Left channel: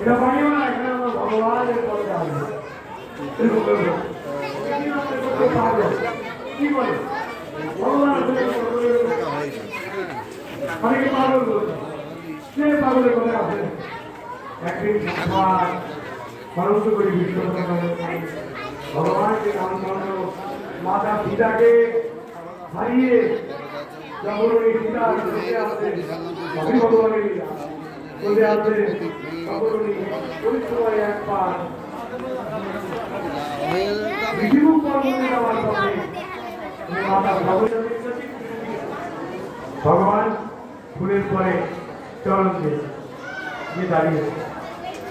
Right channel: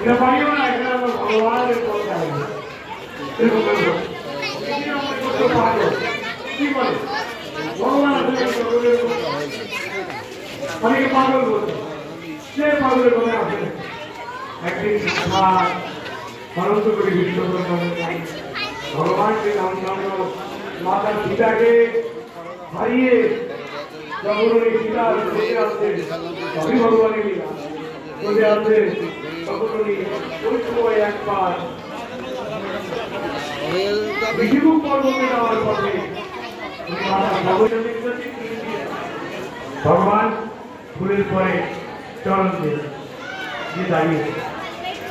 এটা পারিও না, এখানে ভগবানের কথা কি বলে ভগবান অনেকে পাগল বলছে, সে পাগলের কথা আছে। একদিন মানুষ করে ভগবানকে রামচন্দ্র মাতা সীতাকে হারিয়ে জগরণী সীতা চলে আসছে, সবই ভগবানের লীলা। চলে আসছে জগরণী ওই সময় একবার বিষ্ণু পর্বতে যাওয়ার পথে ভগবান ফুলের পরে চল দিয়ে দাঁড়িয়ে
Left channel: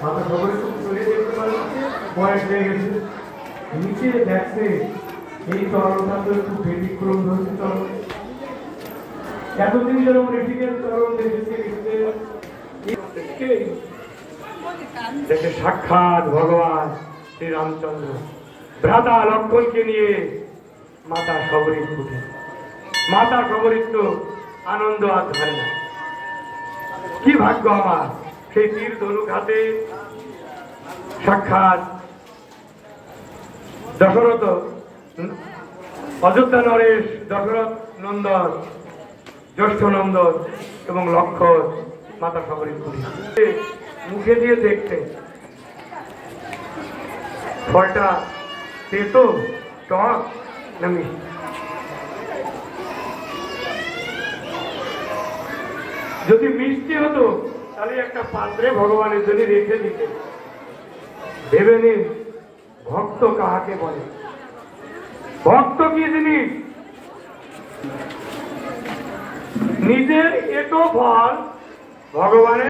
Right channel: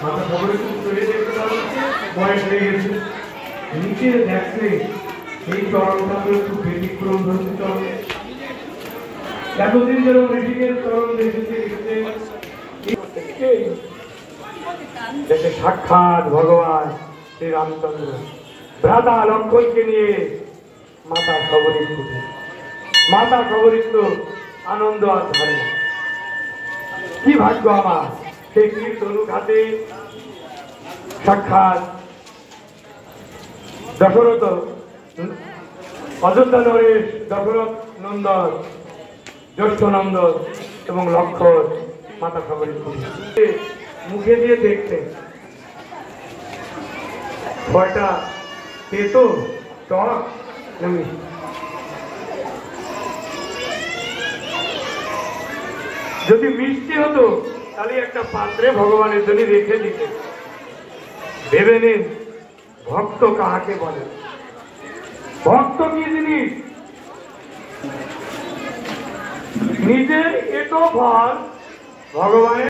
মাথা সবাই চলে যেতে পারছে, বয়স হয়ে গেছে। নিচে দেখছে এই চরণটা তো একটু ব্যতিক্রম হতে হবে। এতদিন যেরকম ঋষিকের চরণ দেখেছে দেখে সাক্ষাৎ ভগবান শ্রী রামচন্দ্র ভ্রাতা লক্ষ্মণকে নিয়ে মাতা সবরী উঠে। মাতা সবরীর তো আনন্দ আর ধরে না। কি ভাগ্য আমার, সেই তীর ধনুক হাতে সাক্ষাৎ দশরথ অযোধ্যা নরেশ, দশরথ নন্দন, জ্যেষ্ঠ নন্দন এবং লক্ষ্মণ মাতা সবরী মুখে দিয়ে দেখতে ফলটা পেতো টক না মিষ্টি। যদি মিষ্টি হতো তাহলে একটা পাত্রে ভগবানের জন্য রেখে দিতে। ভেবে নিন ভক্ত কাহাকে বলে, ভক্ত কি জিনিস? নিজের এটো ফল ভগবানের